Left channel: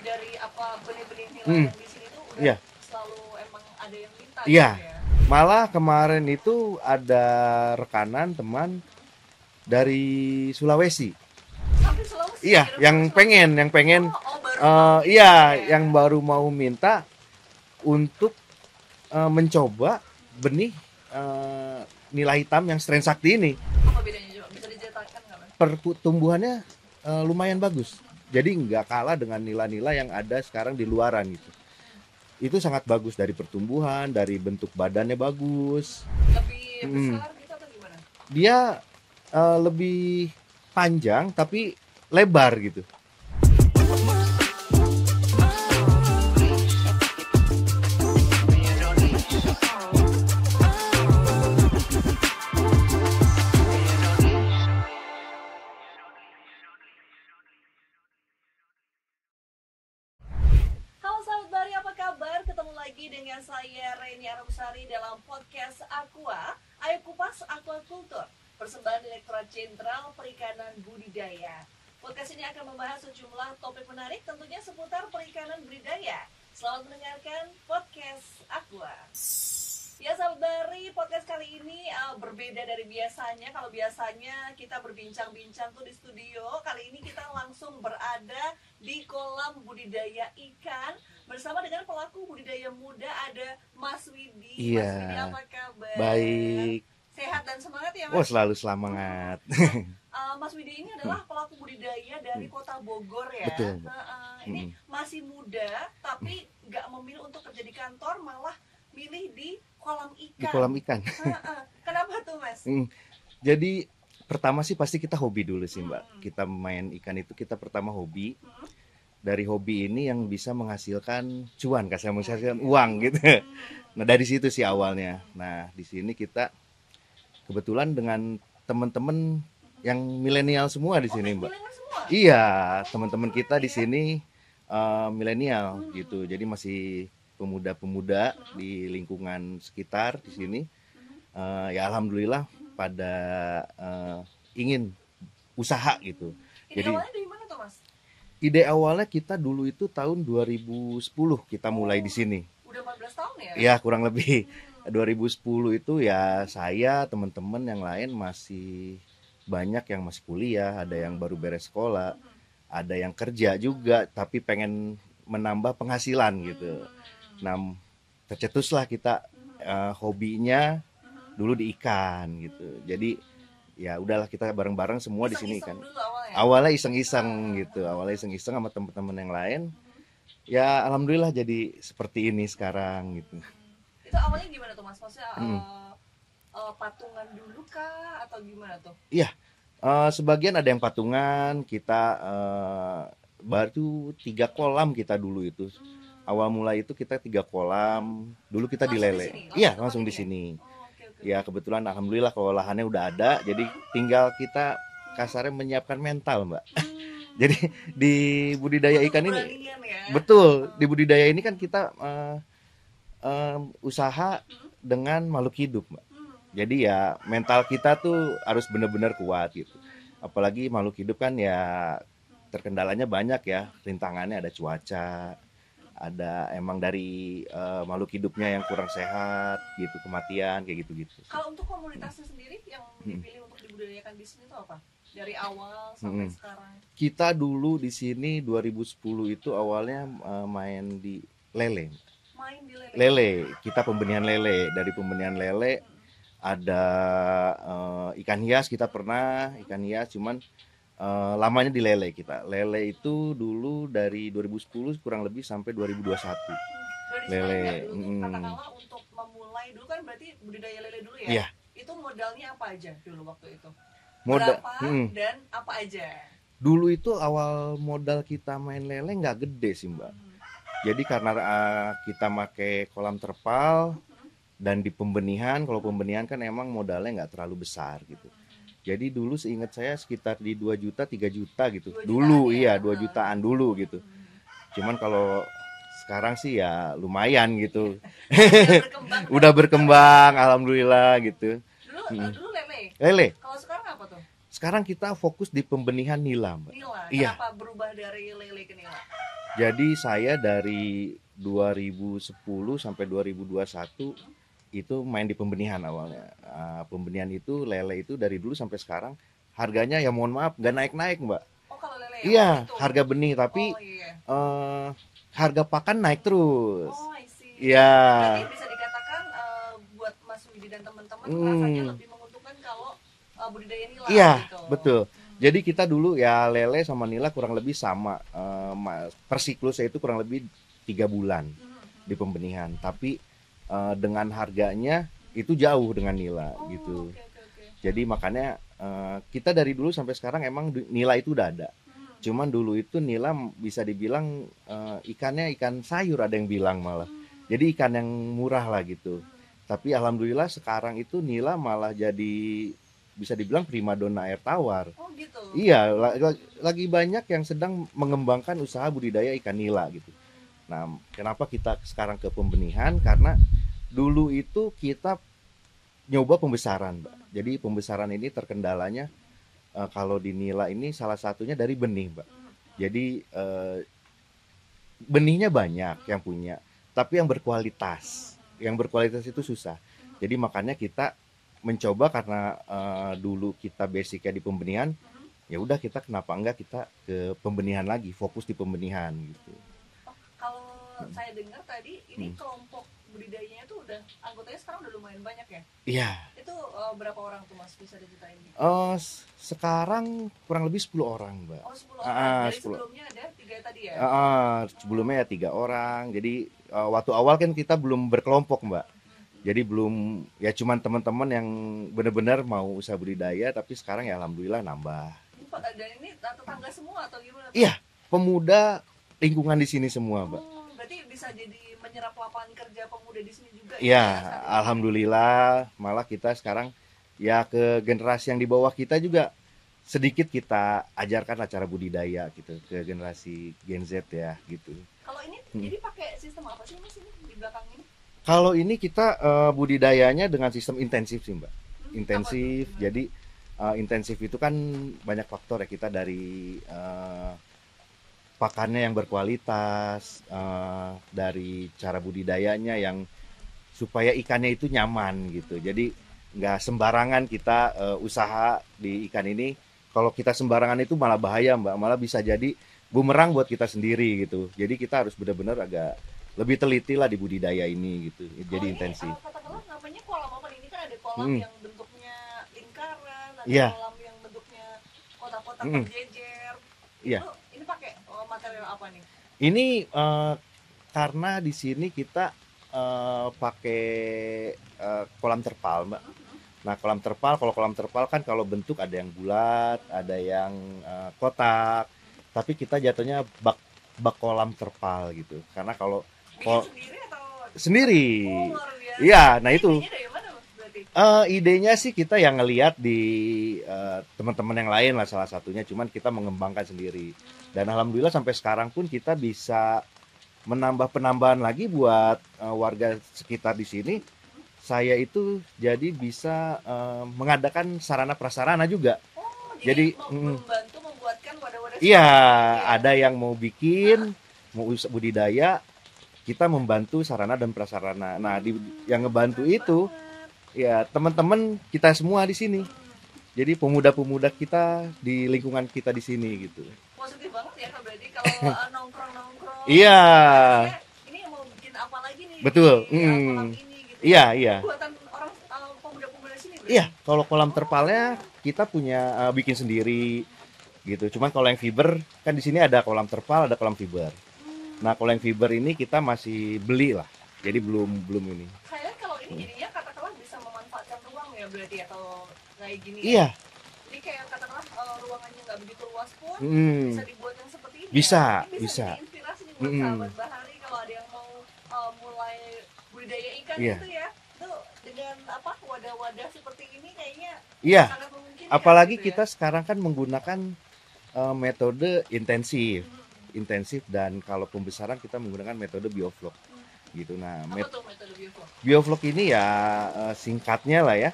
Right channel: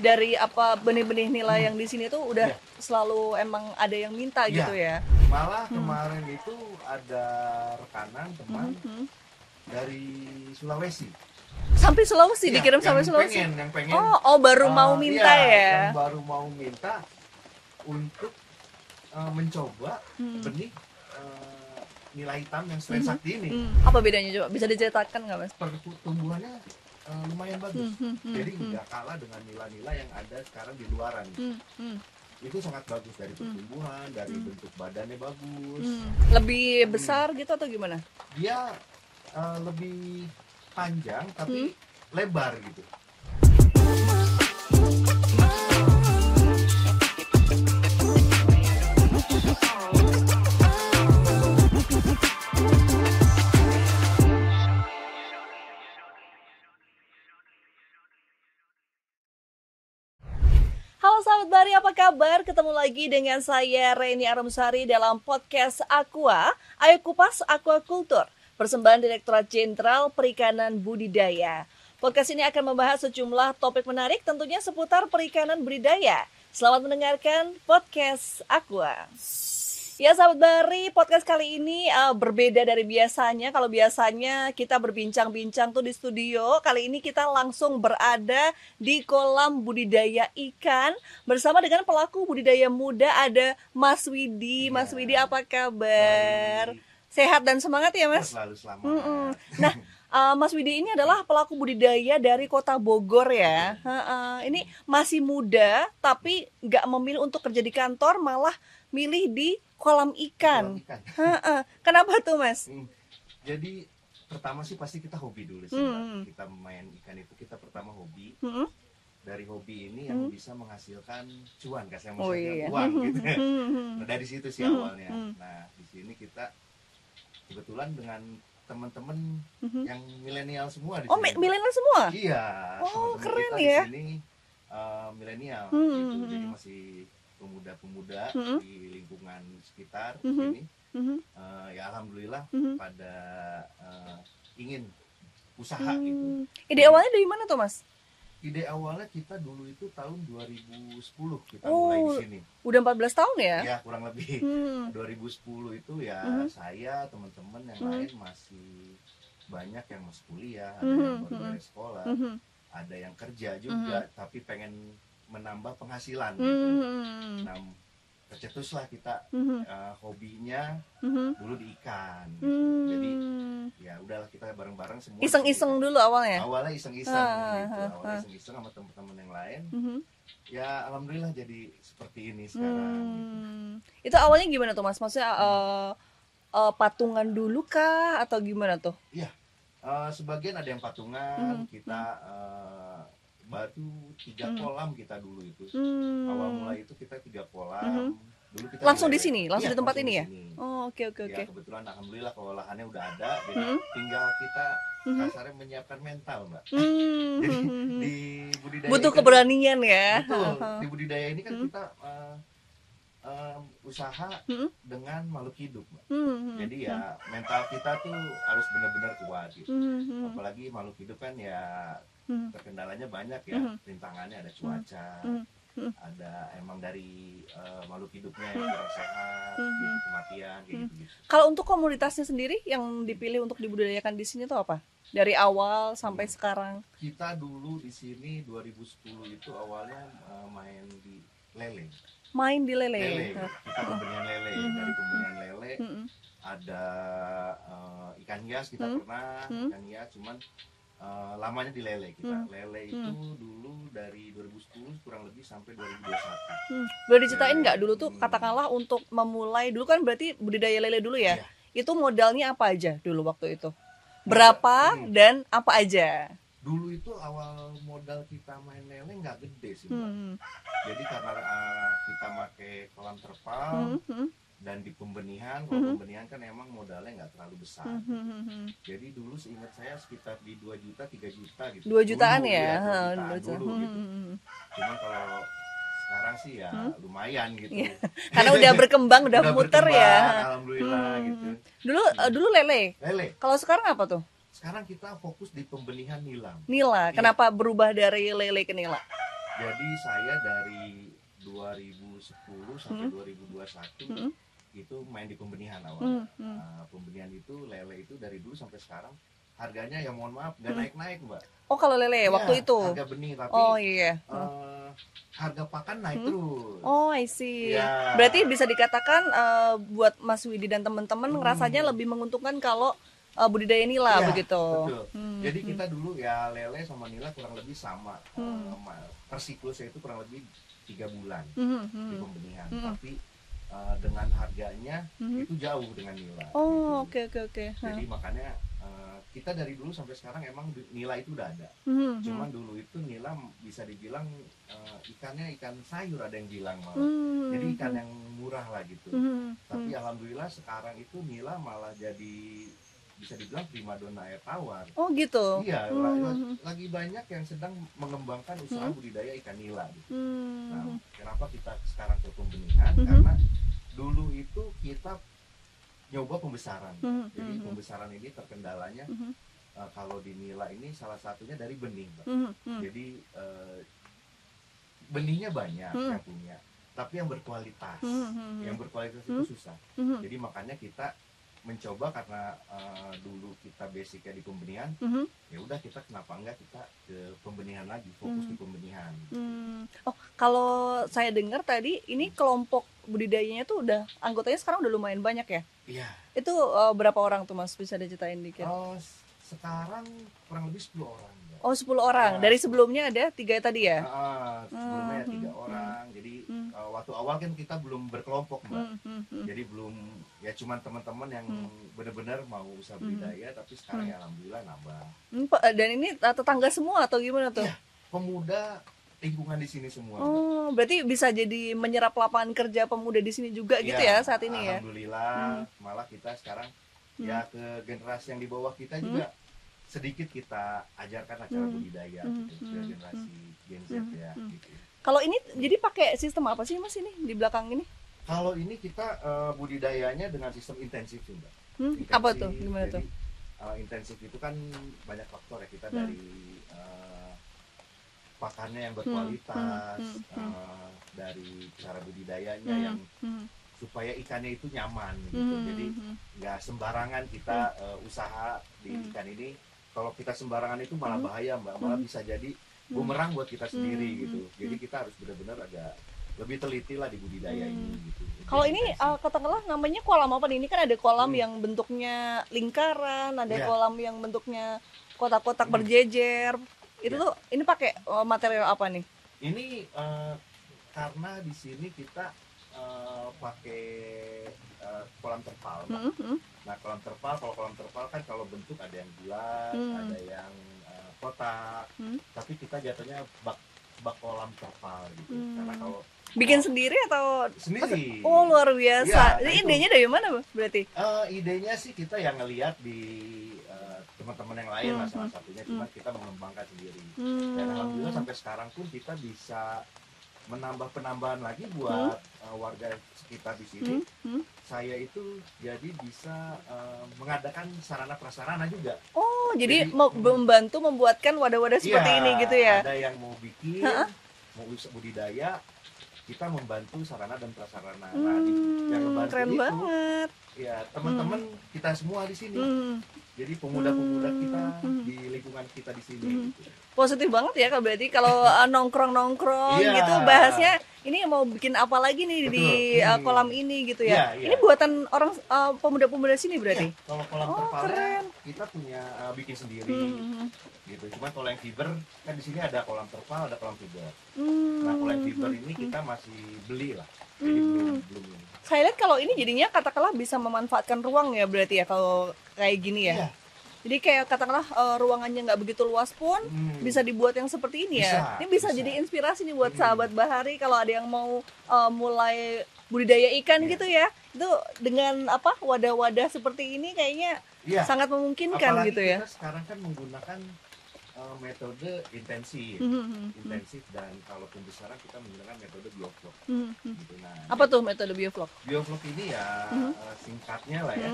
dari apa benih-benih nila Hmm. yang di sini tuh udah Iya. selalu emang ada yang minta Iya. gitu ya. Malah kemarin itu ada rekanan teman Hmm. dari Sulawesi. Sampai Sulawesi Iya, dikirim yang sampai Sulawesi. pengen Oh, baru mau minta iya, ya. yang baru mau minta untuk mencoba benih nila hitam yang strain sakti ini. Apa bedanya coba? Bisa diceritakan nggak, Mas? Pertumbuhannya lumayan bagus. Jadi nggak kalah dengan nila-nila yang ada sekarang di luaran gitu. Itu sangat bagus dari pertumbuhan, dari bentuk badannya bagus. Lebih besar gitu atau gimana? Dia lebih panjang tapi lebar gitu. Halo sahabat Bari, apa kabar? Ketemu lagi dengan saya Reni Aramsari dalam podcast Aqua. Ayo kupas aquaculture, persembahan Direktorat Jenderal Perikanan Budidaya. Podcast ini akan membahas sejumlah topik menarik tentunya seputar perikanan budidaya. Selamat mendengarkan podcast Aqua. Ya sahabat Bari, podcast kali ini berbeda dari biasanya. Kalau biasanya kita berbincang-bincang tuh di studio, kali ini kita langsung berada di kolam budidaya ikan bersama dengan pelaku budidaya muda, ada Mas Widi. Iya. Mas Widi, apa kabar? Baik. Sehat dan semangat ya, Oh, Mas? selalu semangat. Mas Widi ini adalah pelaku budidaya dari Kota Bogor ya. Betul. Ini masih muda tapi nggak memilih untuk kerja di kantor, malah milih di kolam Di ikan. kolam ikan. Kenapa tuh, Mas? Jadi pertama sih pasti kita hobi dulu sih, Mbak. Kita main ikan itu kita pertama hobi. Dari hobi ini yang bisa menghasilkan cuan, kasih menghasilkan uang gitu. Nah, dari situ sih awalnya. Nah, di sini kita kebetulan dengan teman-teman yang milenial semua di sini, Mbak. Milenial semua? Iya, Oh, teman-teman keren kita di ya. sini milenial gitu. Jadi masih pemuda-pemuda di lingkungan sekitar di sini. Ya alhamdulillah pada ingin usaha gitu. Ide Jadi, awalnya dari mana tuh, Mas? ide awalnya kita dulu itu tahun 2010 kita mulai di sini. Udah 14 tahun ya? Ya kurang lebih 2010 itu ya saya, teman-teman yang lain masih banyak yang masih kuliah, ada yang baru beres sekolah, ada yang kerja juga tapi pengen menambah penghasilan gitu. Nah, tercetuslah kita hobinya dulu di ikan gitu. Jadi ya udahlah kita bareng-bareng semua di sini Iseng-iseng kan. dulu awalnya? Awalnya iseng-iseng gitu. Awalnya iseng-iseng sama teman-teman yang lain. Ya alhamdulillah jadi seperti ini sekarang gitu. Itu awalnya gimana tuh, Mas? Maksudnya patungan dulu kah atau gimana tuh? Iya. Sebagian ada yang patungan, kita baru 3 kolam kita dulu itu. Awal mulai itu kita 3 kolam. Dulu kita Langsung di di Lele. sini? Langsung Iya, di tempat langsung ini di ya? sini. Oh, oke. Ya kebetulan alhamdulillah kalau lahannya udah ada, jadi tinggal kita kasarnya menyiapkan mental, Mbak. Jadi di budidaya Butuh ikan keberanian ini, ya. betul, di budidaya ini kan kita usaha dengan makhluk hidup, Mbak. Jadi ya mental kita tuh harus benar-benar kuat gitu. Apalagi makhluk hidup kan ya terkendalanya banyak ya, rintangannya ada cuaca, ada emang dari makhluk hidupnya yang kurang sehat gitu, kematian kayak gitu-gitu. Kalau untuk komunitasnya sendiri yang dipilih untuk dibudidayakan di sini tuh apa? Dari awal sampai sekarang? Kita dulu di sini 2010 itu awalnya main di lele. Main di lele? Lele, kita pembenihan lele. Dari pembenihan lele ada ikan hias kita pernah, ikan hias cuman lamanya di lele kita. Lele itu dulu dari 2010 kurang lebih sampai 2021. Boleh diceritain Lele, nggak dulu tuh katakanlah untuk memulai dulu kan berarti budidaya lele dulu ya? Iya. Itu modalnya apa aja dulu waktu itu? Berapa dan apa aja? Dulu itu awal modal kita main lele nggak gede sih, Mbak. Jadi karena kita pakai kolam terpal dan di pembenihan, kalau pembenihan kan emang modalnya nggak terlalu besar gitu. Jadi dulu seingat saya sekitar di 2 juta, 3 juta gitu. 2 jutaan dulu, ya? Iya, 2 jutaan dulu gitu. Cuman kalau sekarang sih ya lumayan gitu. Karena udah berkembang, Udah muter berkembang, ya? alhamdulillah gitu. Dulu lele. Lele, Kalau sekarang apa tuh? sekarang kita fokus di pembenihan nila, Mbak. Nila. Iya. Kenapa berubah dari lele ke nila? Jadi saya dari 2010 sampai Hmm. 2021 Hmm. itu main di pembenihan awalnya. Hmm. Hmm. Pembenihan itu lele itu dari dulu sampai sekarang harganya ya mohon maaf nggak Hmm. naik-naik Mbak. Oh kalau lele waktu Iya, itu. harga benih Oh tapi iya. harga pakan naik Hmm. terus. Oh I see. Iya. Berarti bisa dikatakan buat Mas Widi dan teman-teman ngerasanya Hmm. lebih menguntungkan kalau budidaya nila Iya, begitu. betul. Hmm. Jadi kita dulu ya lele sama nila kurang lebih sama. Hmm. Per siklusnya itu kurang lebih 3 bulan Hmm. Hmm. di pembenihan. Hmm. Tapi dengan harganya Hmm. itu jauh dengan nila gitu. Oh oke. Jadi makanya kita dari dulu sampai sekarang emang nila itu udah ada. Hmm. Cuman dulu itu nila bisa dibilang ikannya ikan sayur ada yang bilang malah. Hmm. Jadi ikan yang murah lah gitu. Hmm. Tapi alhamdulillah sekarang itu nila malah jadi bisa dibilang primadona air tawar. Oh gitu. Iya, Hmm. lagi banyak yang sedang mengembangkan usaha budidaya ikan nila gitu. Hmm. Nah, kenapa kita sekarang ke pembenihan? Hmm. Karena dulu itu kita nyoba pembesaran. Hmm. Jadi pembesaran ini terkendalanya Hmm. kalau di nila ini salah satunya dari benih, Mbak. Hmm. Jadi benihnya banyak Hmm. yang punya, tapi yang berkualitas. Hmm. Yang berkualitas itu susah. Hmm. Jadi makanya kita mencoba karena dulu kita basicnya di pembenihan, Hmm. ya udah kita kenapa enggak kita ke pembenihan lagi, fokus di pembenihan gitu. Hmm. Oh, kalau saya dengar tadi ini kelompok budidayanya tuh udah anggotanya sekarang udah lumayan banyak ya? Iya. Itu berapa orang tuh Mas? Bisa diceritain dikit? Sekarang kurang lebih 10 orang, Mbak. Oh, 10 orang. Dari 10. sebelumnya ada 3 tadi ya? Sebelumnya ya 3 orang. Jadi waktu awal kan kita belum berkelompok, Mbak. Jadi belum ya cuman teman-teman yang benar-benar mau usaha budidaya, tapi sekarang ya alhamdulillah nambah. Dan ini tetangga semua atau gimana tuh? Iya, pemuda lingkungan di sini semua, Mbak. Oh, berarti bisa jadi menyerap lapangan kerja pemuda di sini juga gitu Ya, ya saat ini alhamdulillah malah kita sekarang ya ke generasi yang di bawah kita juga sedikit kita ajarkan cara budidaya gitu ke generasi Gen Z ya gitu. Kalau ini jadi pakai sistem apa sih Mas ini di belakang ini? Kalau ini kita budidayanya dengan sistem intensif sih Mbak. Intensif. Apa tuh? Gimana Jadi intensif itu kan banyak faktor ya, kita dari pakannya yang berkualitas, dari cara budidayanya yang supaya ikannya itu nyaman gitu. Jadi nggak sembarangan kita usaha di ikan ini. Kalau kita sembarangan itu malah bahaya Mbak, malah bisa jadi bumerang buat kita sendiri gitu. Jadi kita harus benar-benar agak lebih teliti lah di budidaya ini gitu. Kalau Jadi ini intensif. katakanlah namanya kolam apa nih? Ini kan ada kolam yang bentuknya lingkaran, ada Iya. kolam yang bentuknya kotak-kotak berjejer. Itu ini pakai material apa nih? Ini karena di sini kita pakai kolam terpal, Mbak. Nah, kalau kolam terpal kan kalau bentuk ada yang bulat, ada yang kotak. Tapi kita jatuhnya bak kolam terpal gitu. Karena kalau bikin sendiri atau sendiri? Oh, luar biasa. Iya, nah ini itu. idenya dari mana berarti? Idenya sih kita yang ngelihat di teman-teman yang lain lah salah satunya, cuman kita mengembangkan sendiri. Dan alhamdulillah sampai sekarang pun kita bisa menambah penambahan lagi buat warga sekitar di sini. Saya itu jadi bisa mengadakan sarana prasarana juga. Oh, jadi membantu membuatkan wadah-wadah seperti Iya, ini gitu ya? ada yang mau bikin, mau budidaya, kita membantu sarana dan prasarana. Nah, yang ngebantu itu banget. ya teman-teman kita semua di sini. Jadi pemuda-pemuda kita di lingkungan kita di sini gitu. Positif banget ya Kak, berarti kalau nongkrong-nongkrong Iya. gitu bahasnya ini mau bikin apa lagi nih Betul. di kolam ini gitu ya. Iya. Ini buatan orang pemuda-pemuda sini berarti. Iya, kalau kolam terpalnya kita punya bikin sendiri gitu. Cuman kalau yang fiber kan di sini ada kolam terpal, ada kolam fiber. Nah, kalau yang fiber ini kita masih beli lah. Jadi belum ini. Saya lihat kalau ini jadinya katakanlah bisa memanfaatkan ruang ya berarti ya kalau kayak gini ya. Iya. Jadi kayak katakanlah ruangannya nggak begitu luas pun bisa dibuat yang seperti ini Bisa, ya. Ini bisa jadi inspirasi nih buat sahabat Bahari kalau ada yang mau mulai budidaya ikan gitu ya. Itu dengan wadah-wadah seperti ini kayaknya sangat memungkinkan. Apalagi gitu ya. kita sekarang kan menggunakan metode intensif dan kalau pembesaran kita menggunakan metode bioflok gitu. Nah, apa tuh metode bioflok? Bioflok ini ya singkatnya lah ya.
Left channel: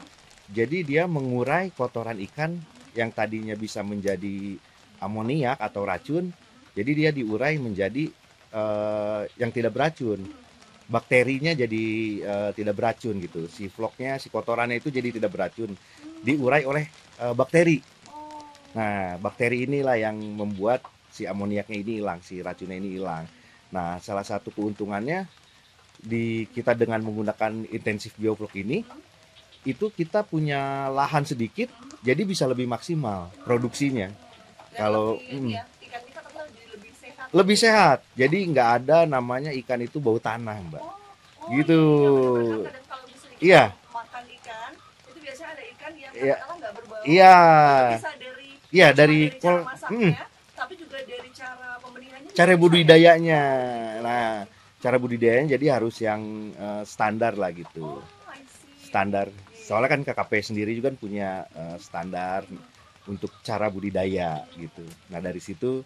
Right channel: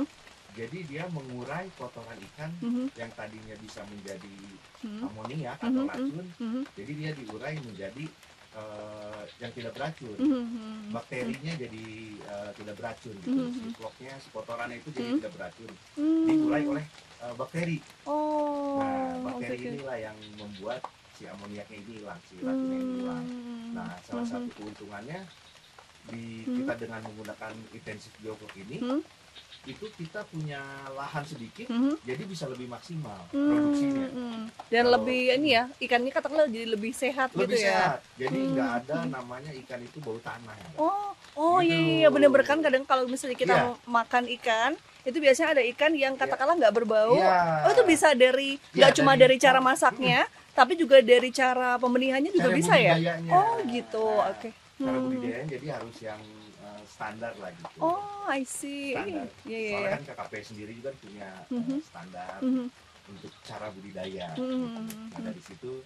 Jadi dia mengurai kotoran ikan yang tadinya bisa menjadi amoniak atau racun. Jadi dia diurai menjadi yang tidak beracun. Bakterinya jadi tidak beracun gitu. Si vlognya, si kotorannya itu jadi tidak beracun. Diurai oleh bakteri. Nah, bakteri inilah yang membuat si amoniaknya ini hilang, si racunnya ini hilang. Nah, salah satu keuntungannya kita dengan menggunakan intensif bioflok ini, itu kita punya lahan sedikit, jadi bisa lebih maksimal produksinya. Dan lebih ini ya, ikannya katakanlah jadi lebih sehat. Lebih gitu sehat, ya? jadi nggak ada namanya ikan itu bau tanah, Mbak. Oh gitu. iya, benar-benar kan kadang kalau misalnya kita makan ikan, itu biasanya ada ikan yang katakanlah nggak berbau. Itu bisa dari cuma dari cara masaknya, tapi juga dari cara pembenihannya juga cara bisa budidayanya. ya? Oh gitu. Nah, cara budidayanya jadi harus yang standar lah gitu. Oh, I see. Standar. Soalnya kan KKP sendiri juga punya standar untuk cara budidaya gitu. Nah, dari situ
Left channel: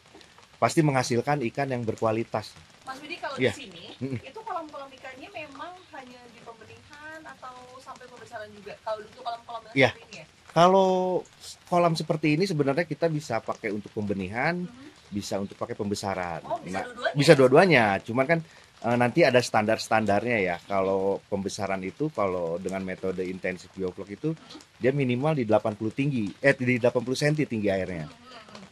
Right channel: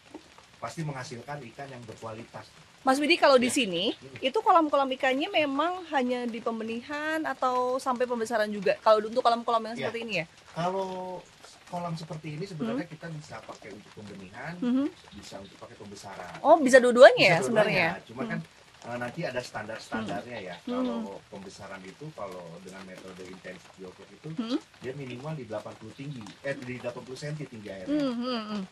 pasti menghasilkan ikan yang berkualitas. Mas Widi, kalau di sini itu kolam-kolam ikannya memang hanya di pembenihan atau sampai pembesaran juga? Kalau untuk kolam-kolam yang seperti ini ya? Kalau kolam seperti ini sebenarnya kita bisa pakai untuk pembenihan, bisa untuk pakai pembesaran. Oh, bisa dua-duanya? Bisa dua-duanya. Cuma kan nanti ada standar-standarnya ya. Kalau pembesaran itu, kalau dengan metode intensif bioflok itu, dia minimal di 80 cm tinggi airnya.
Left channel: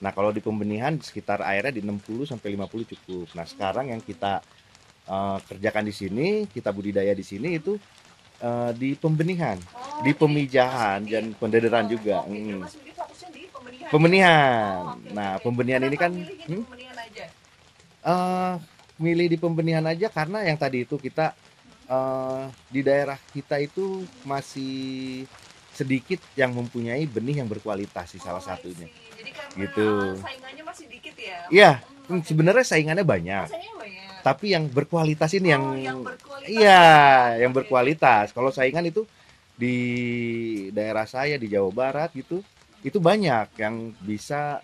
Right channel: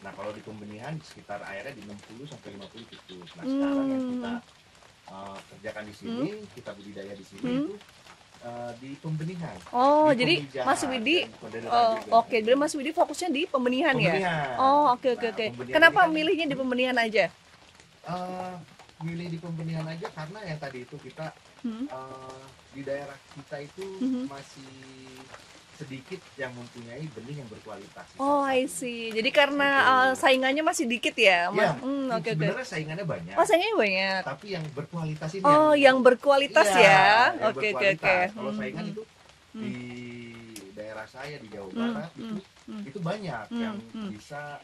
Nah, kalau di pembenihan sekitar airnya di 60 sampai 50 cukup. Nah, sekarang yang kita kerjakan di sini, kita budidaya di sini itu di pembenihan, di pemijahan dan pendederan juga. Oke, jadi Mas Widi fokusnya di pembenihan. Pembenihan. Ya? Oh, oke. Kenapa milihnya di pembenihan aja? Milih di pembenihan aja karena yang tadi itu kita di daerah kita itu masih sedikit yang mempunyai benih yang berkualitas salah satunya. I see. Jadi karena saingannya masih dikit ya? Iya, sebenarnya saingannya banyak. Saingannya banyak. Tapi yang berkualitas ini yang berkualitas ya? Yang berkualitas. Kalau saingan itu di daerah saya di Jawa Barat gitu, itu banyak yang bisa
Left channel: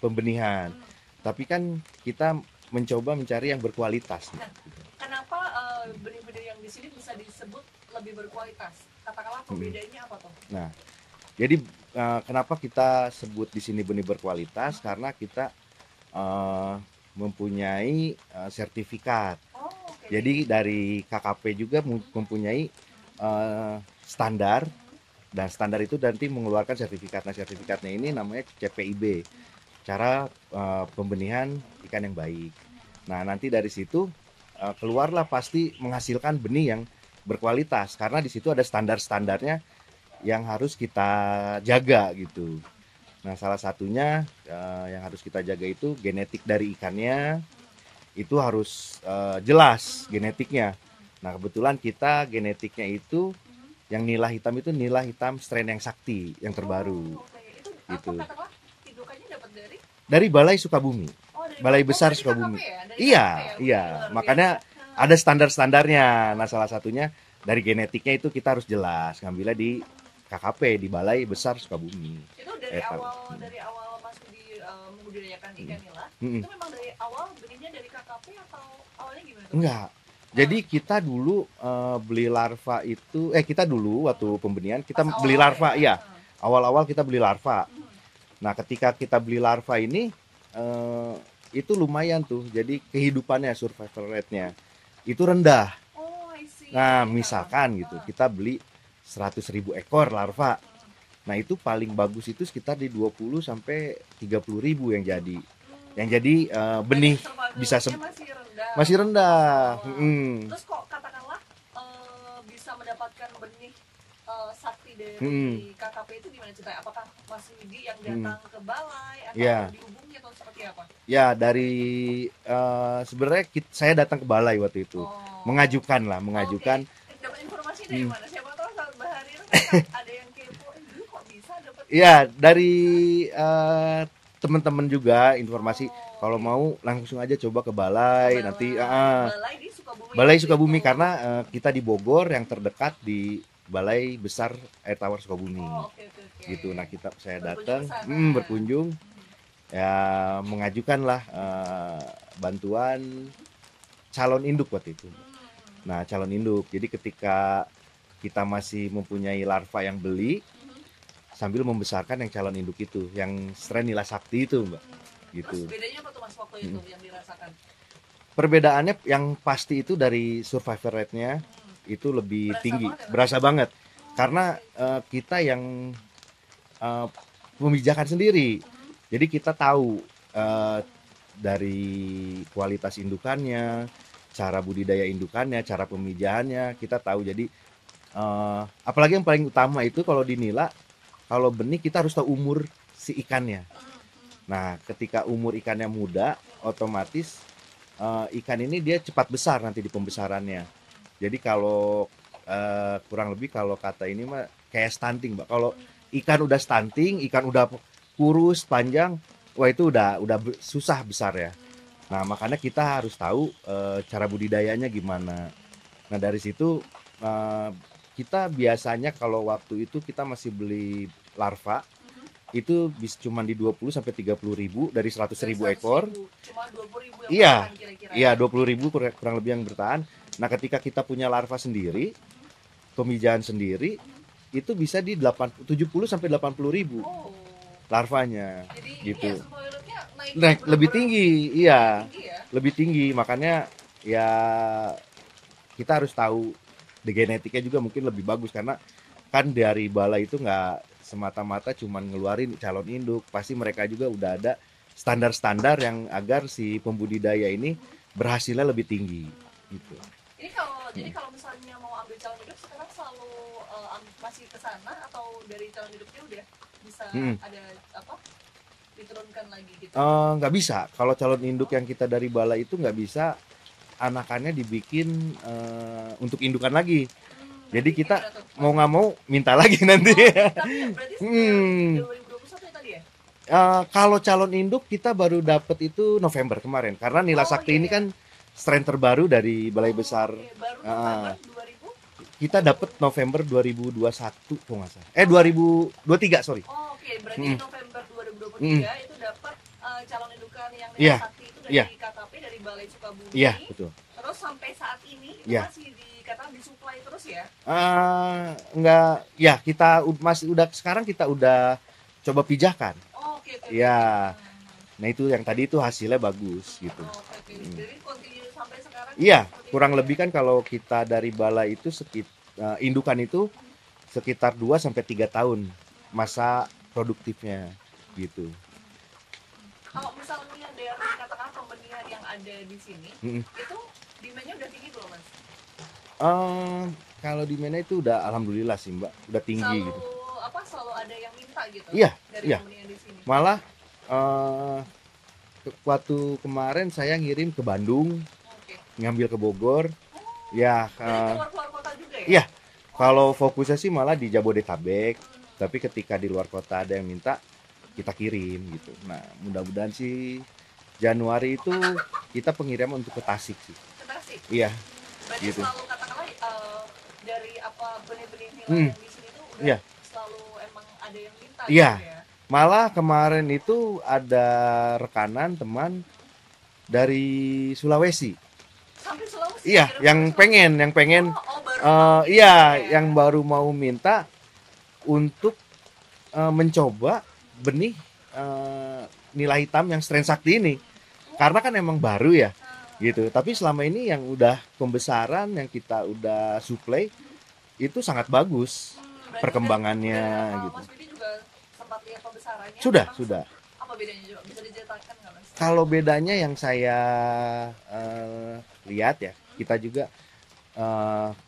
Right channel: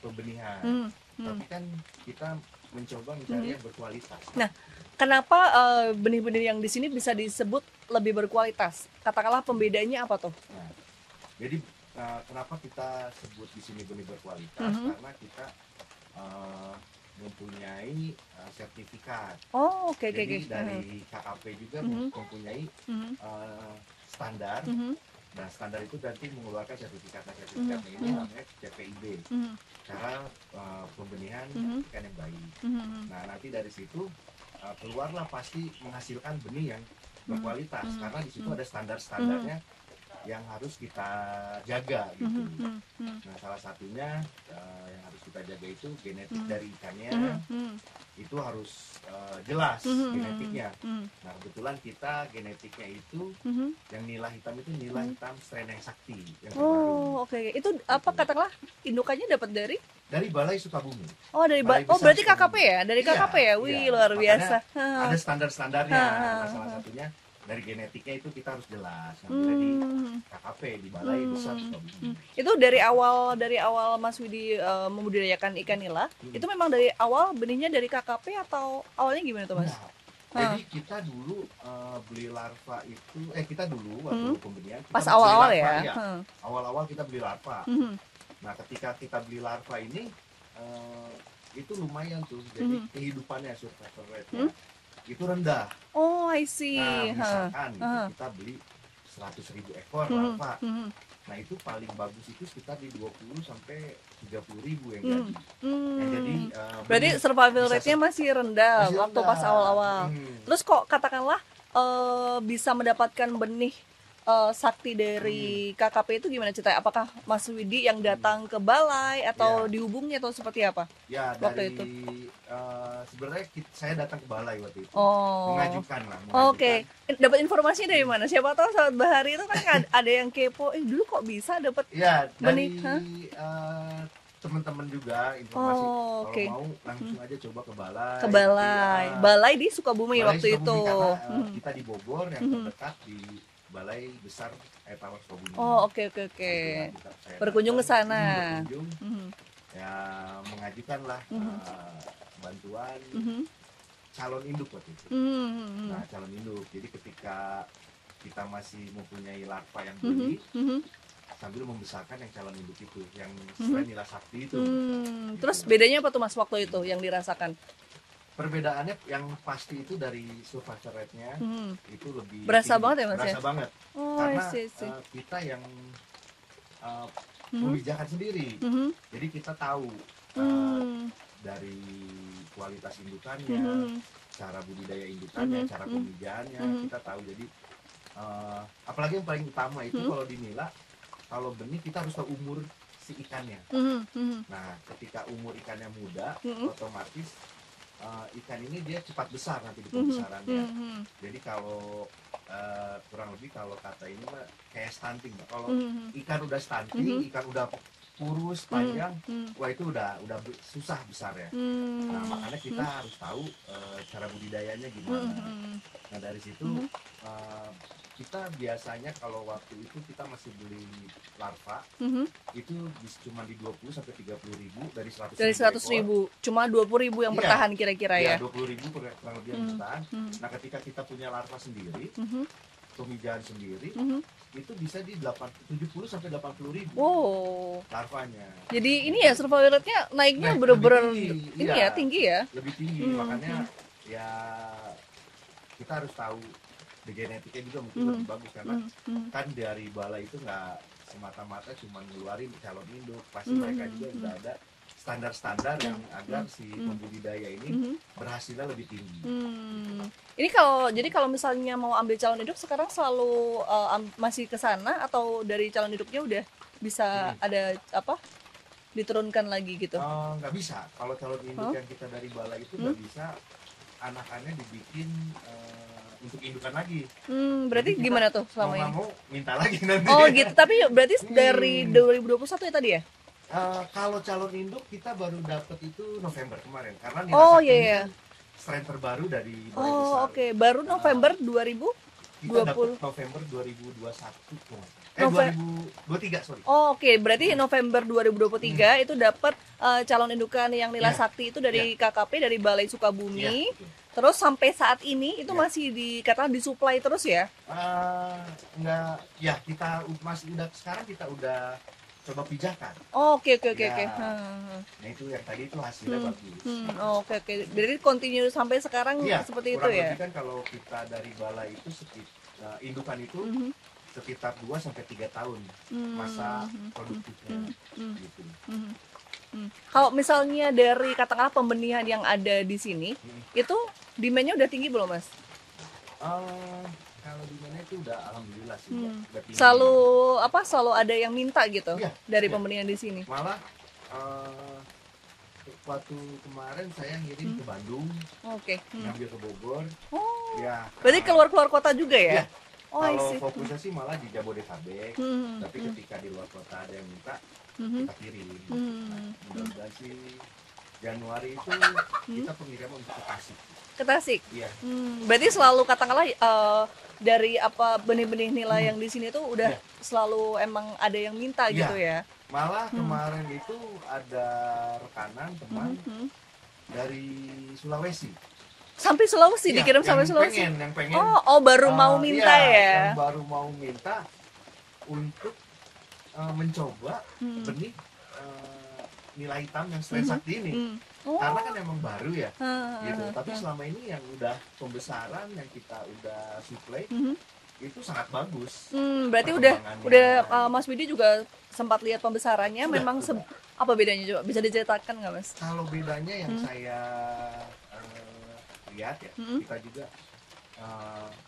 pembenihan. Tapi kan kita mencoba mencari yang berkualitas. Nah, kenapa benih-benih yang di sini bisa disebut lebih berkualitas? Katakanlah pembedanya apa tuh? Nah, jadi kenapa kita sebut di sini benih berkualitas? Karena kita mempunyai sertifikat. Jadi dari KKP juga mempunyai standar. Dan standar itu nanti mengeluarkan sertifikat. Nah, sertifikatnya ini namanya CPIB. Cara pembenihan ikan yang baik. Nah, nanti dari situ keluarlah pasti menghasilkan benih yang berkualitas karena di situ ada standar-standarnya yang harus kita jaga gitu. Nah, salah satunya yang harus kita jaga itu genetik dari ikannya. Itu harus jelas genetiknya. Nah, kebetulan kita genetiknya itu yang nila hitam itu nila hitam strain yang sakti yang terbaru. Itu apa katakanlah indukannya dapat dari Balai Sukabumi. Dari Balai Besar Sukabumi. KKP ya? Dari KKP ya? Wih, luar biasa. Makanya ada standar-standarnya. Nah, salah satunya dari genetiknya itu kita harus jelas ngambilnya di KKP di Balai Besar Sukabumi. Itu dari awal Mas Widi membudidayakan ikan nila, itu memang dari awal benihnya dari KKP atau awalnya gimana tuh? Enggak. Jadi kita dulu beli larva itu kita dulu waktu pembenihan kita beli larva ya. Awal-awal kita beli larva. Nah, ketika kita beli larva ini itu lumayan tuh. Jadi kehidupannya survival rate-nya itu rendah. I see. Nah, misalkan gitu kita beli 100.000 ekor larva. Nah, itu paling bagus itu sekitar di 20 sampai 30.000 yang jadi. Yang jadi benih survival rate-nya masih rendah. Masih rendah. Pas awal-awal. Terus kok katakanlah bisa mendapatkan benih sakti dari KKP itu gimana ceritanya? Apakah Mas Widi yang datang ke balai atau dihubungi atau seperti apa? Ya, dari sebenarnya saya datang ke balai waktu itu. Mengajukan. Dapat informasi dari mana? Siapa tahu sahabat Bahari itu kan ada yang kepo, dulu kok bisa dapat? Iya, dari teman-teman juga informasi. Kalau mau langsung aja coba ke balai. Nanti balai di Sukabumi. Balai Sukabumi karena kita di Bogor yang terdekat di Balai Besar Air Tawar Sukabumi. Oke. Gitu. Nah, saya berkunjung ke sana. Berkunjung. Ya, mengajukanlah bantuan calon induk waktu itu. Nah, calon induk. Jadi ketika kita masih mempunyai larva yang beli, sambil membesarkan yang calon induk itu, yang strain nila sakti itu. Gitu. Terus bedanya apa tuh Mas waktu itu yang dirasakan? Perbedaannya yang pasti itu dari survival rate-nya itu lebih Berasa tinggi. banget ya, Mas, Berasa ya? banget. Oh, Karena I see. kita yang membijakan sendiri. Jadi kita tahu dari kualitas indukannya, cara budidaya indukannya, cara pemijahannya, kita tahu. Jadi apalagi yang paling utama itu kalau di nila, kalau benih kita harus tahu umur si ikannya. Nah, ketika umur ikannya muda, otomatis ikan ini dia cepat besar nanti di pembesarannya. Jadi kalau kurang lebih kalau kata ini mah kayak stunting, Mbak. Kalau ikan udah stunting, ikan udah kurus, panjang, wah itu udah susah besar ya. Nah, makanya kita harus tahu cara budidayanya gimana. Nah, dari situ kita biasanya kalau waktu itu kita masih beli larva, itu bisa cuma di 20 sampai 30 ribu dari 100 Dari ribu 100 ekor. ribu, cuma 20 ribu yang Iya. bertahan kira-kira Iya, ya. 20 ribu kurang lebih yang bertahan. Nah, ketika kita punya larva sendiri, pemijahan sendiri, itu bisa di 70 sampai 80 ribu Wow. larvanya. Jadi ini Gitu. ya survival rate-nya naiknya Lebih bener-bener tinggi, ini iya. ya, tinggi ya. Lebih tinggi, makanya ya kita harus tahu di genetiknya juga mungkin lebih bagus karena kan dari balai itu nggak semata-mata cuman ngeluarin calon induk, pasti mereka juga udah ada standar-standar yang agar si pembudidaya ini berhasilnya lebih tinggi. Gitu. Ini jadi kalau misalnya mau ambil calon induk sekarang selalu masih ke sana atau dari calon induknya udah bisa ada apa diturunkan lagi gitu? Nggak bisa. Kalau calon induk yang kita dari balai itu nggak bisa anakannya dibikin untuk indukan lagi. Berarti Jadi kita gimana tuh? mau nggak mau minta lagi nanti. Oh gitu, tapi berarti dari 2021 ya tadi ya? Kalau calon induk kita baru dapet itu November kemarin karena Nila Sakti ini kan strain terbaru dari Balai Besar. Oke, baru November 2000 kita dapat November 2021 kok nggak salah. 2023 sorry. Oh, oke, berarti November 2023 itu dapat calon indukan yang Nila Sakti itu dari KKP dari Balai Sukabumi. Iya, betul. Terus sampai saat ini itu masih dikatakan disuplai terus ya? Enggak, ya kita masih udah sekarang kita udah coba pijahkan. Oh, oke. Nah itu yang tadi itu hasilnya bagus. Gitu. Oke. Jadi continue sampai sekarang seperti kurang itu lebih kan kalau kita dari balai itu indukan itu sekitar 2 sampai 3 tahun masa produktifnya gitu. Kalau misalnya dari katakanlah pembenihan yang ada di sini, itu demand-nya udah tinggi belum, Mas? Kalau demand itu udah alhamdulillah sih, Mbak. Udah tinggi. Selalu ada yang minta gitu dari pembenihan di sini. Malah waktu kemarin saya ngirim ke Bandung, ngambil ke Bogor. Ya. Berarti keluar kota juga ya? Iya. Kalau fokusnya sih malah di Jabodetabek, tapi ketika di luar kota ada yang minta, kita kirim gitu. Nah, mudah-mudahan sih Januari itu kita pengiriman untuk ke Tasik sih. Ke Tasik? Iya. Berarti selalu katakanlah dari benih-benih nila yang di sini tuh udah selalu emang ada yang minta gitu ya? Malah kemarin itu ada rekanan teman dari Sulawesi. Sampai Sulawesi dikirim yang sampai Sulawesi? yang pengen. Baru mau minta ya? Yang baru mau minta untuk mencoba benih nila hitam yang strain sakti ini. Karena kan emang baru ya, gitu. Tapi selama ini yang udah pembesaran yang kita udah supply itu sangat bagus. Berarti perkembangannya. Udah gitu. Mas Bidi juga sempat lihat pembesarannya. Sudah. Apa bedanya coba? Bisa diceritakan nggak, Mas? Kalau bedanya yang saya lihat ya, kita juga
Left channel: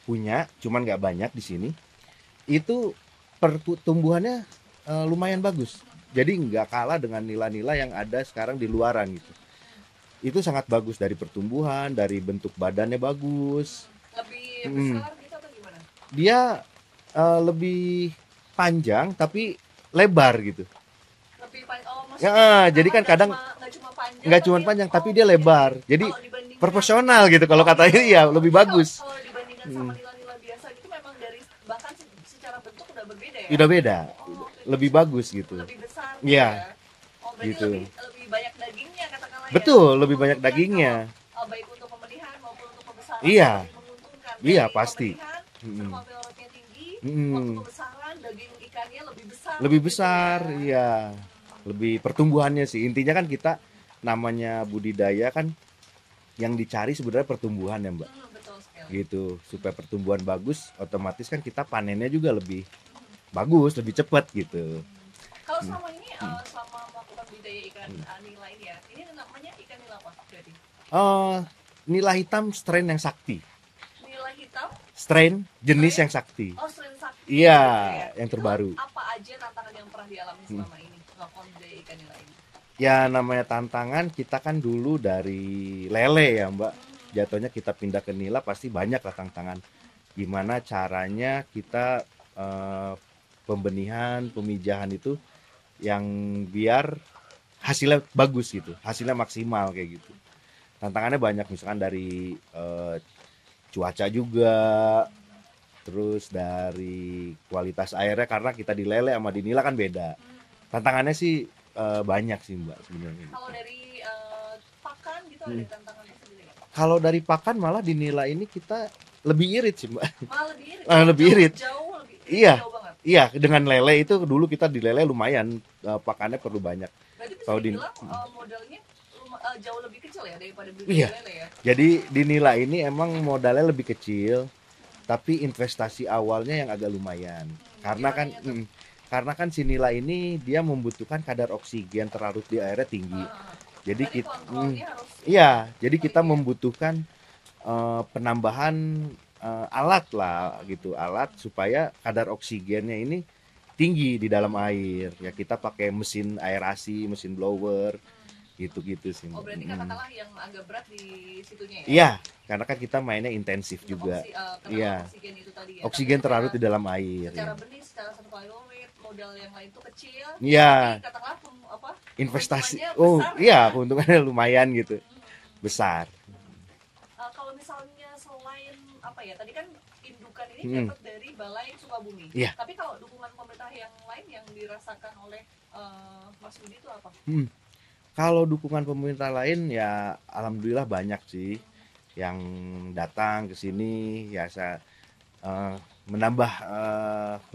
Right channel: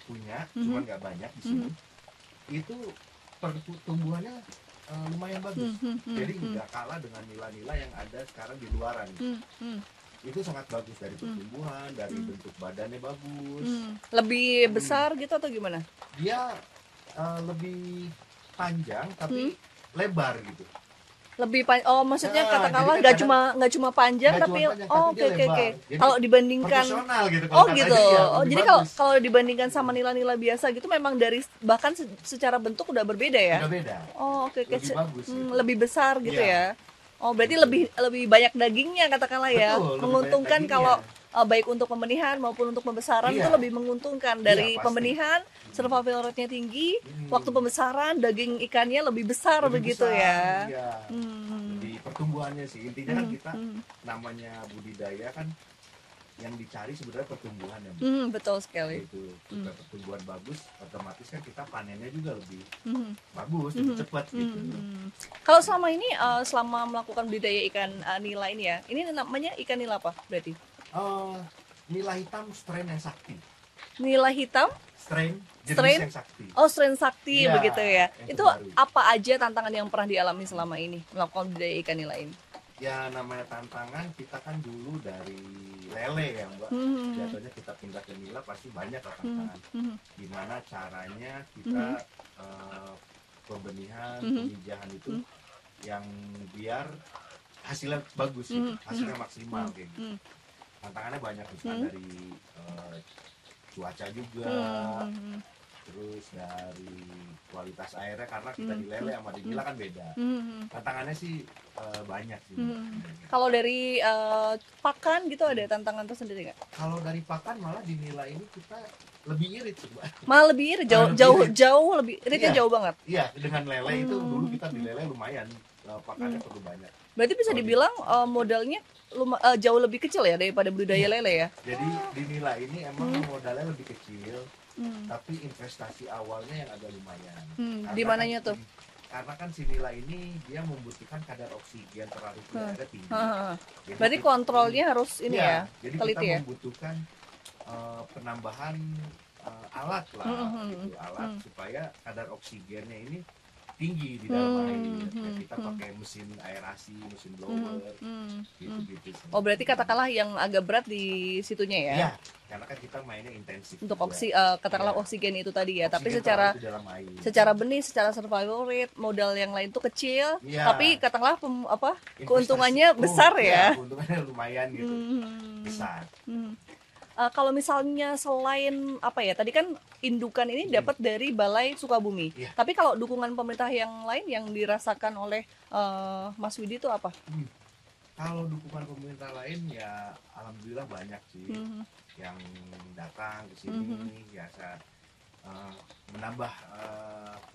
punya, cuman nggak banyak di sini. Itu pertumbuhannya lumayan bagus. Jadi nggak kalah dengan nila-nila yang ada sekarang di luaran gitu. Itu sangat bagus dari pertumbuhan, dari bentuk badannya bagus. Lebih besar gitu atau gimana? Dia lebih panjang tapi lebar gitu. Lebih maksudnya jadi kan kadang nggak cuma panjang, tapi dia lebar. Jadi dibandingkan proporsional gitu kalau katanya gitu. ya lebih bagus. Kalau dibandingkan sama nila-nila biasa gitu memang dari bahkan secara bentuk udah berbeda ya. Udah beda. Lebih bagus gitu. Lebih besar gitu ya. Berarti gitu. lebih banyak dagingnya katakanlah ya. Betul, lebih banyak dagingnya. Kalau baik untuk pembenihan maupun untuk pembesaran itu lebih menguntungkan dari pembenihan, survival rate-nya tinggi, waktu pembesaran daging ikannya lebih besar ya. Lebih pertumbuhannya sih. Intinya kan kita namanya budidaya kan yang dicari sebenarnya pertumbuhan ya Mbak. Betul sekali. Gitu. Supaya pertumbuhan bagus, otomatis kan kita panennya juga lebih Mhm. bagus, lebih cepat gitu. Kalau selama ini selama melakukan budidaya ikan nila ini ya, ini namanya ikan nila apa berarti? Nila hitam strain yang sakti. Nila hitam, Strain jenis Strain? yang sakti. oh strain sakti Iya, gitu ya. yang Itu terbaru. apa aja tantangan yang pernah dialami selama ini melakukan budidaya ikan nila ini? Ya namanya tantangan, kita kan dulu dari lele ya Mbak. Jatuhnya kita pindah ke nila pasti banyak lah tantangan. Gimana caranya kita pembenihan, pemijahan itu yang biar hasilnya bagus gitu, hasilnya maksimal kayak gitu. Tantangannya banyak, misalkan dari cuaca juga, terus dari kualitas airnya, karena kita di lele sama di nila kan beda. Tantangannya sih banyak sih Mbak sebenarnya. Kalau dari pakan gitu ada tantangan tersendiri nggak? Kalau dari pakan malah di nila ini kita lebih irit sih Mbak. Malah lebih irit, Lebih irit. jauh lebih iritnya Iya. jauh banget. Iya, dengan lele itu dulu kita di lele lumayan, pakannya perlu banyak. Berarti bisa Kalau dibilang modalnya jauh lebih kecil ya daripada budidaya Iya. lele ya. Jadi di nila ini emang modalnya lebih kecil, tapi investasi awalnya yang agak lumayan. Di Karena kan mananya tuh? karena kan si nila ini dia membutuhkan kadar oksigen terlarut di airnya tinggi. Jadi Berarti kontrolnya harus ini iya, ya. jadi kita teliti ya? membutuhkan penambahan alat lah gitu, alat supaya kadar oksigennya ini tinggi di dalam air. Ya kita pakai mesin aerasi, mesin blower, gitu-gitu sih. Oh berarti katakanlah yang agak berat di situnya ya? Iya, karena kan kita mainnya intensif Untuk juga. katakanlah Iya. oksigen itu tadi ya. Oksigen Tapi terlarut di dalam air. secara benih, secara survival rate, modal yang lain tuh kecil. Iya. Tapi katakanlah Investasi. keuntungannya besar ya. Iya, keuntungannya lumayan gitu. Hmm. Besar. Kalau misalnya selain apa ya, tadi kan indukan ini dapat dari Balai Sukabumi. Iya. Tapi kalau dukungan pemerintah yang lain yang dirasakan oleh Mas Widi itu apa? Kalau dukungan pemerintah lain ya alhamdulillah banyak sih yang datang ke sini, ya saya menambah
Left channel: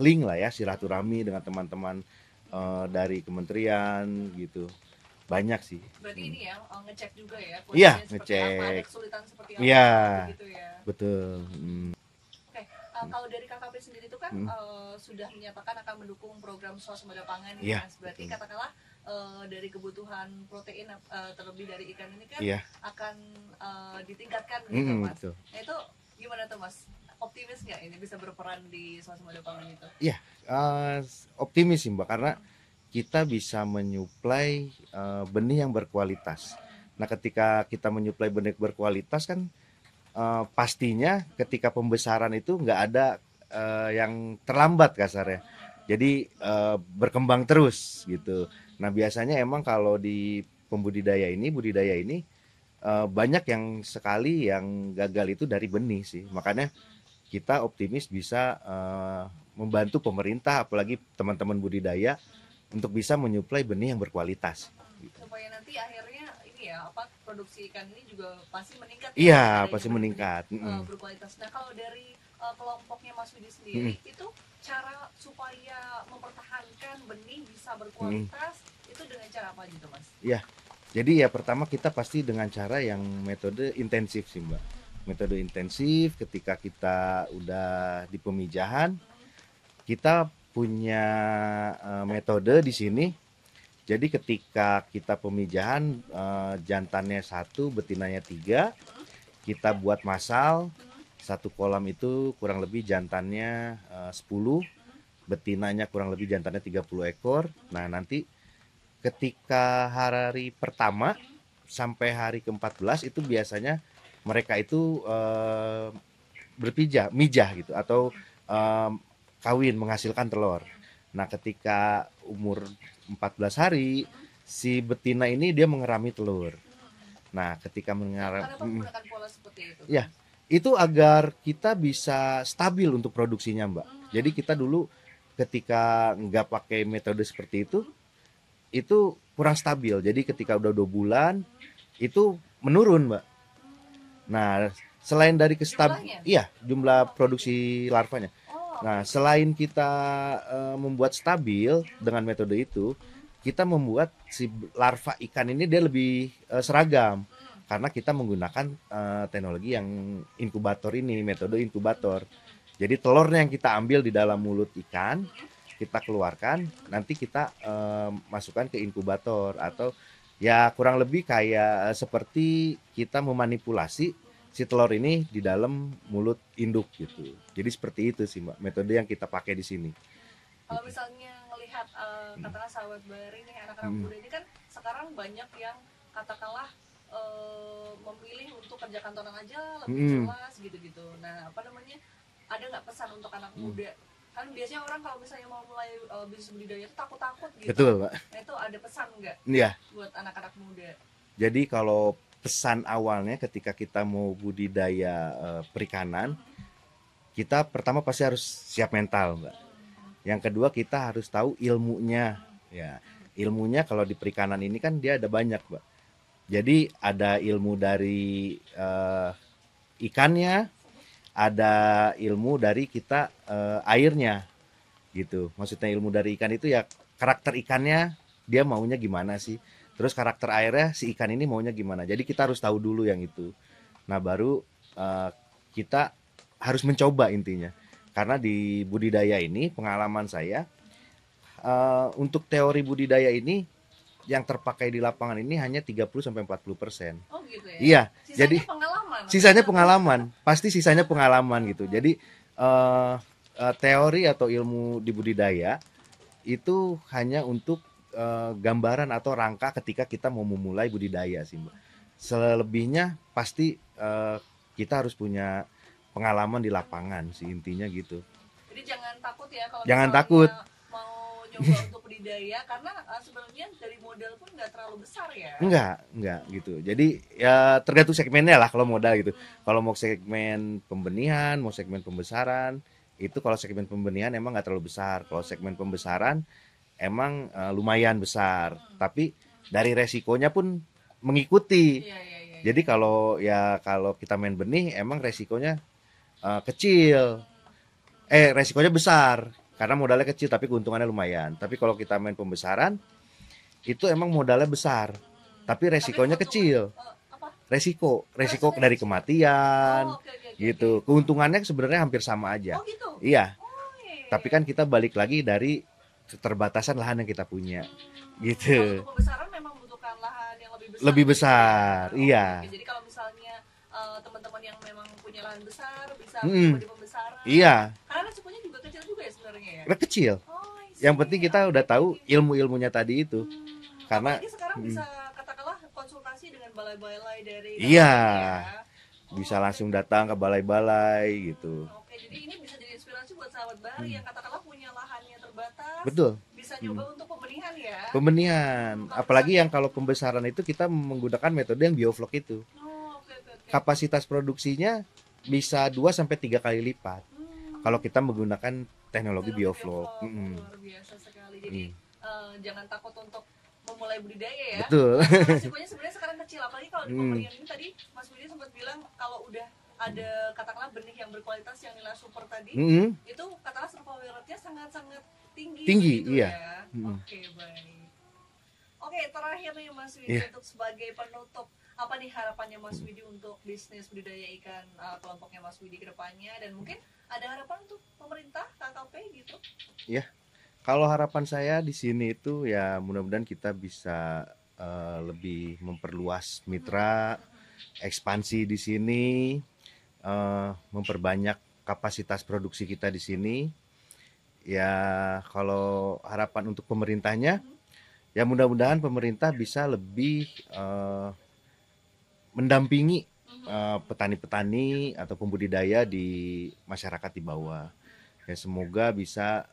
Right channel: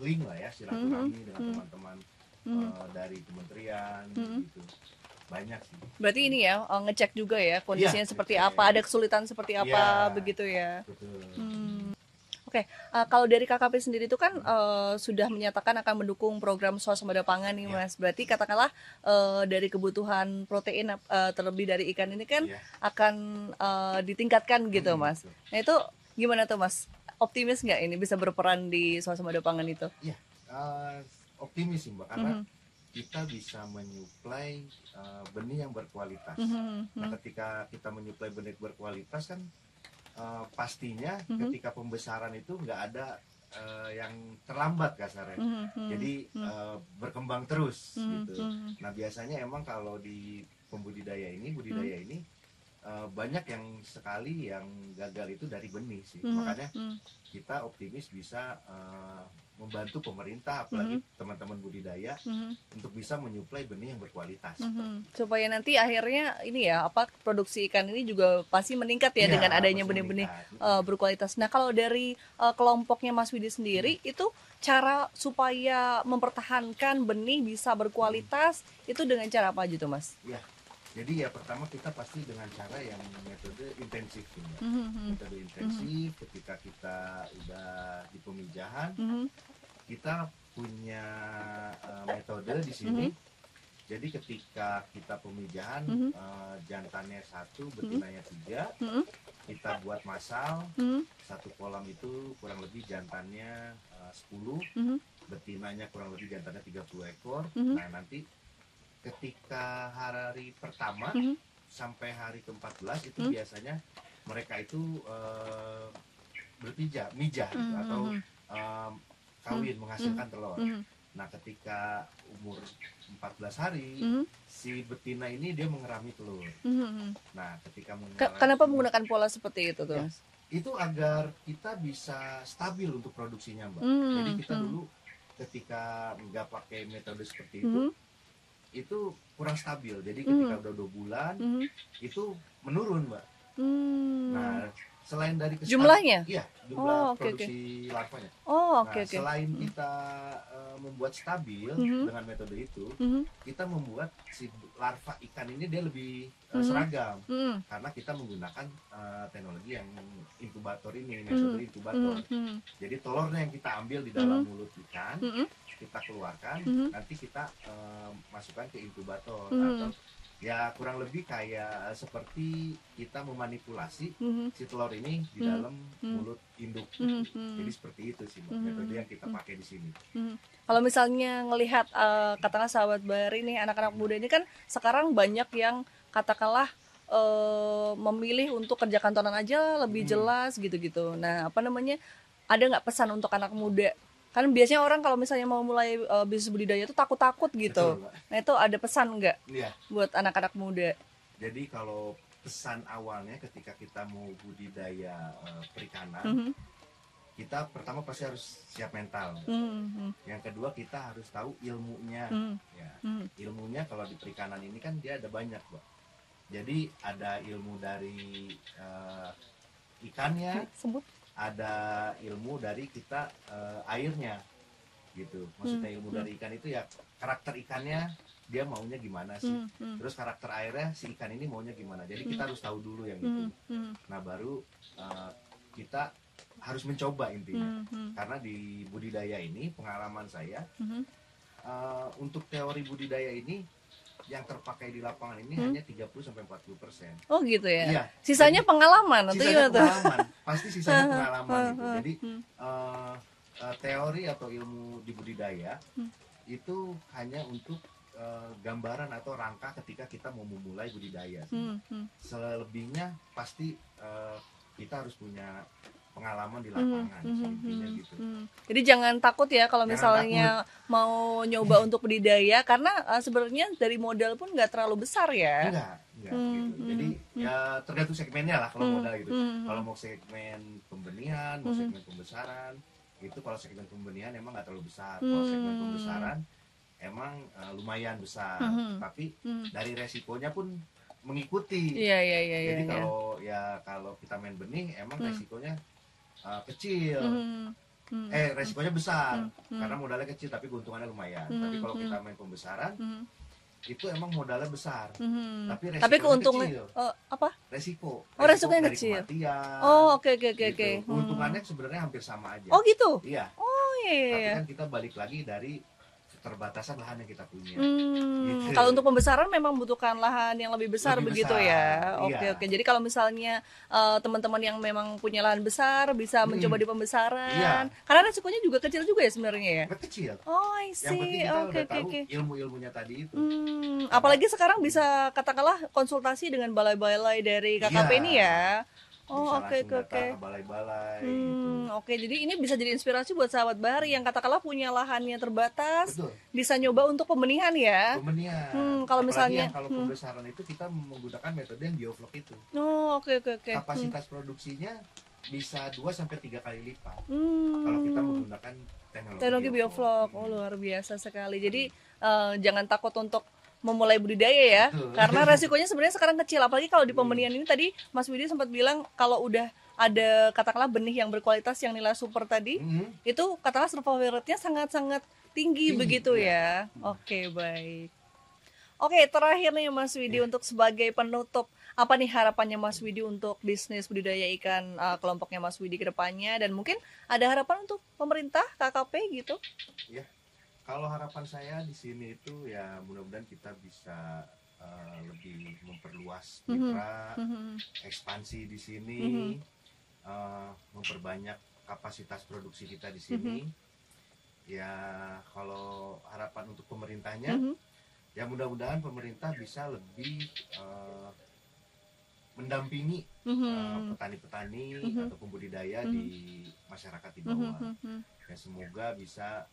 link lah ya, silaturahmi dengan teman-teman dari kementerian gitu. Banyak sih. Berarti ini ya ngecek juga ya kondisinya seperti ngecek. apa, ada kesulitan seperti apa, Iya. begitu ya. Betul. Oke, kalau dari KKP sendiri itu kan sudah menyatakan akan mendukung program swasembada pangan nih Iya. Mas. Berarti katakanlah dari kebutuhan protein terlebih dari ikan ini kan Iya. akan ditingkatkan gitu Mas. Betul. Nah itu gimana tuh Mas? Optimis nggak ini bisa berperan di swasembada pangan itu? Iya, optimis sih Mbak, karena kita bisa menyuplai benih yang berkualitas. Nah, ketika kita menyuplai benih berkualitas kan pastinya ketika pembesaran itu nggak ada yang terlambat kasarnya. Jadi berkembang terus gitu. Nah, biasanya emang kalau di budidaya ini banyak yang sekali yang gagal itu dari benih sih. Makanya kita optimis bisa membantu pemerintah, apalagi teman-teman budidaya untuk bisa menyuplai benih yang berkualitas. Supaya nanti akhirnya ini ya produksi ikan ini juga pasti meningkat ya Iya, dengan adanya pasti benih-benih meningkat. berkualitas. Nah kalau dari kelompoknya Mas Widi sendiri itu cara supaya mempertahankan benih bisa berkualitas itu dengan cara apa aja tuh Mas? Iya. Jadi ya pertama kita pasti dengan cara yang metode intensif sih Mbak. Metode intensif ketika kita udah di pemijahan, kita punya metode di sini. Jadi ketika kita pemijahan jantannya 1, betinanya 3, kita buat masal. Satu kolam itu kurang lebih jantannya 10, betinanya kurang lebih jantannya 30 ekor. Nah nanti ketika hari pertama sampai hari ke-14 itu biasanya mereka itu mijah gitu atau kawin menghasilkan telur. Nah, ketika umur 14 hari si betina ini dia mengerami telur. Nah, ketika Kenapa menggunakan pola seperti itu tuh? Ya, Mas? itu agar kita bisa stabil untuk produksinya, Mbak. Jadi kita dulu ketika nggak pakai metode seperti itu kurang stabil. Jadi ketika udah 2 bulan itu menurun, Mbak. Nah, selain dari Jumlahnya? iya, jumlah Oh, oke, produksi larvanya. Oh, Oh, Nah, oke, oke. selain kita membuat stabil Mhm. dengan metode itu, Mhm. kita membuat si larva ikan ini dia lebih Mhm. seragam Mhm. karena kita menggunakan teknologi yang inkubator ini, metode Mhm. inkubator. Mhm. Jadi telurnya yang kita ambil di dalam Mhm. mulut ikan, Mhm. kita keluarkan, Mhm. nanti kita masukkan ke inkubator Mhm. atau ya kurang lebih kayak seperti kita memanipulasi Mhm. si telur ini di Mhm. dalam Mhm. mulut induk gitu. Mhm. Jadi seperti itu sih Mbak, metode Mhm. yang kita pakai di sini. Mhm. Kalau misalnya ngelihat katakanlah sahabat Bahari nih, anak-anak Mhm. muda ini kan sekarang banyak yang katakanlah memilih untuk kerja kantoran aja lebih Mhm. jelas gitu-gitu. Nah, apa namanya? Ada nggak pesan untuk anak Mhm. muda? Kan biasanya orang kalau misalnya mau mulai bisnis budidaya itu takut-takut gitu. Betul, Mbak. Nah, itu ada pesan nggak Iya. buat anak-anak muda? Jadi kalau pesan awalnya ketika kita mau budidaya perikanan, Mhm. kita pertama pasti harus siap mental, Mbak. Mhm. Yang kedua kita harus tahu ilmunya. Mhm. Ya, Mhm. ilmunya kalau di perikanan ini kan dia ada banyak, Mbak. Jadi ada ilmu dari ikannya, Sebut. ada ilmu dari kita airnya gitu. Maksudnya ilmu Mhm. dari ikan itu ya karakter ikannya dia maunya gimana sih. Mhm. Terus karakter airnya si ikan ini maunya gimana. Jadi kita harus tahu dulu yang itu. Mhm. Nah, baru kita harus mencoba intinya. Mhm. Karena di budidaya ini pengalaman saya Mhm. untuk teori budidaya ini yang terpakai di lapangan ini Mhm. hanya 30-40%. Oh gitu ya. Iya, Sisanya jadi pengalaman atau sisanya gimana tuh? pengalaman, pasti sisanya pengalaman gitu. Heeh. Jadi teori atau ilmu di budidaya itu hanya untuk gambaran atau rangka ketika kita mau memulai budidaya sih, Mbak. Selebihnya pasti kita harus punya pengalaman di lapangan sih intinya gitu. Jadi jangan takut ya kalau Jangan misalnya takut. mau nyoba untuk budidaya karena sebenarnya dari modal pun nggak terlalu besar ya. Enggak gitu. Jadi ya tergantung segmennya lah kalau modal gitu. Kalau mau segmen pembenihan, mau segmen pembesaran, itu kalau segmen pembenihan emang nggak terlalu besar. Kalau segmen pembesaran emang lumayan besar. Tapi dari resikonya pun mengikuti. Iya, iya, iya, Jadi iya. kalau kita main benih emang resikonya kecil. Hmm. Resikonya besar karena modalnya kecil tapi keuntungannya lumayan. Tapi kalau kita main pembesaran itu emang modalnya besar, tapi resikonya kecil. Apa? Resiko resikonya dari kecil. kematian. Oh, oke, oke, oke, Gitu. oke. Keuntungannya sebenarnya hampir sama aja. Oh gitu. Iya. Oh iya. Tapi kan kita balik lagi dari keterbatasan lahan yang kita punya. Gitu. Kalau untuk pembesaran memang membutuhkan lahan yang lebih besar Lebih begitu besar, ya. iya. Oke. Jadi kalau misalnya teman-teman yang memang punya lahan besar bisa mencoba di pembesaran. Iya. Karena resikonya juga kecil juga ya sebenarnya ya. Kecil. Oh, I see. Yang penting kita Oke, udah oke, tahu oke. ilmu-ilmunya tadi itu. Karena- Apalagi sekarang bisa katakanlah konsultasi dengan balai-balai dari KKP Iya. ini ya. Bisa oke, langsung oke, datang oke. ke balai-balai gitu. Oke, jadi ini bisa jadi inspirasi buat sahabat Bahari yang katakanlah punya lahannya terbatas, Betul. bisa nyoba untuk pembenihan ya. Pembenihan. Kalau Apalagi misalnya- yang kalau pembesaran itu kita menggunakan metode yang bioflok itu. Oh, oke, oke, oke. Kapasitas produksinya bisa 2 sampai 3 kali lipat. Kalau kita menggunakan teknologi teknologi bioflok. bioflok. Oh, luar biasa sekali. Jadi jangan takut untuk memulai budidaya ya. Betul. Karena resikonya sebenarnya sekarang kecil. Apalagi kalau di pembenihan ini tadi Mas Widi sempat bilang kalau udah ada katakanlah benih yang berkualitas yang nilai super tadi, itu katakanlah survival rate-nya sangat-sangat tinggi begitu iya. ya. Oke, baik. Oke, terakhir nih Mas Widi untuk sebagai penutup, apa nih harapannya Mas Widi untuk bisnis budidaya ikan kelompoknya Mas Widi ke depannya, dan mungkin ada harapan untuk pemerintah KKP gitu? Ya. Kalau harapan saya di sini itu ya mudah-mudahan kita bisa lebih memperluas mitra, ekspansi di sini, memperbanyak kapasitas produksi kita di sini. Ya kalau harapan untuk pemerintahnya, ya mudah-mudahan pemerintah bisa lebih mendampingi petani-petani atau pembudidaya di masyarakat di bawah. Ya semoga bisa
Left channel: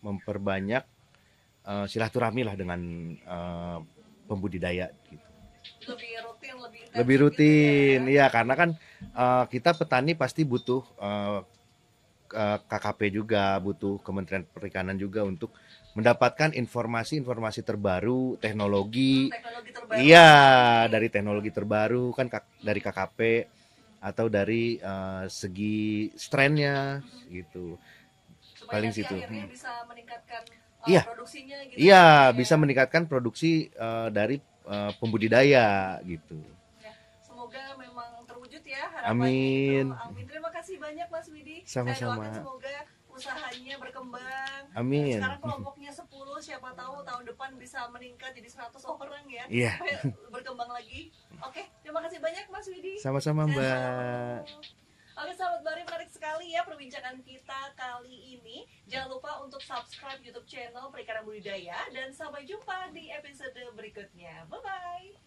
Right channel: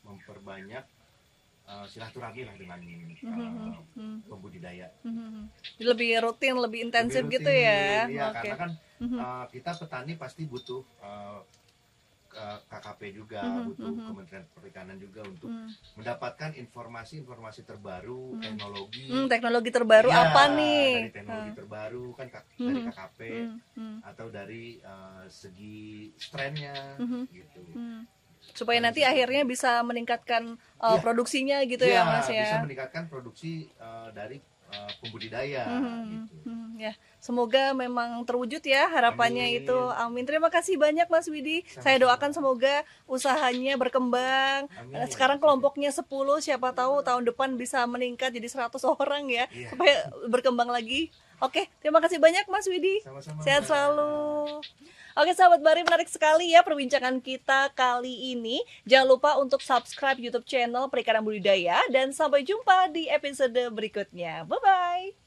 memperbanyak silaturahmi lah dengan pembudidaya. Lebih rutin, lebih intensif Lebih rutin, gitu ya. iya. Karena kan kita petani pasti butuh KKP juga, butuh Kementerian Perikanan juga untuk mendapatkan informasi-informasi terbaru, teknologi. Teknologi terbaru Iya, apa nih? dari teknologi terbaru kan dari KKP. atau dari segi strainnya gitu. Supaya Paling nanti situ. akhirnya bisa meningkatkan Iya. produksinya gitu ya, Iya, Mas ya. bisa meningkatkan produksi dari pembudidaya gitu. Ya, semoga memang terwujud ya harapannya itu. Amin. Amin. Terima kasih banyak Mas Widi. Saya Sama-sama. doakan semoga usahanya berkembang. Amin. Sekarang kelompoknya 10, siapa tahu tahun depan bisa meningkat jadi 100 orang ya. Iya. Supaya berkembang lagi. Oke, terima kasih banyak Mas Widi. Sama-sama, Sehat Mbak. selalu. Oke sahabat Bari, menarik sekali ya perbincangan kita kali ini. Jangan lupa untuk subscribe YouTube channel Perikanan Budidaya dan sampai jumpa di episode berikutnya. Bye bye.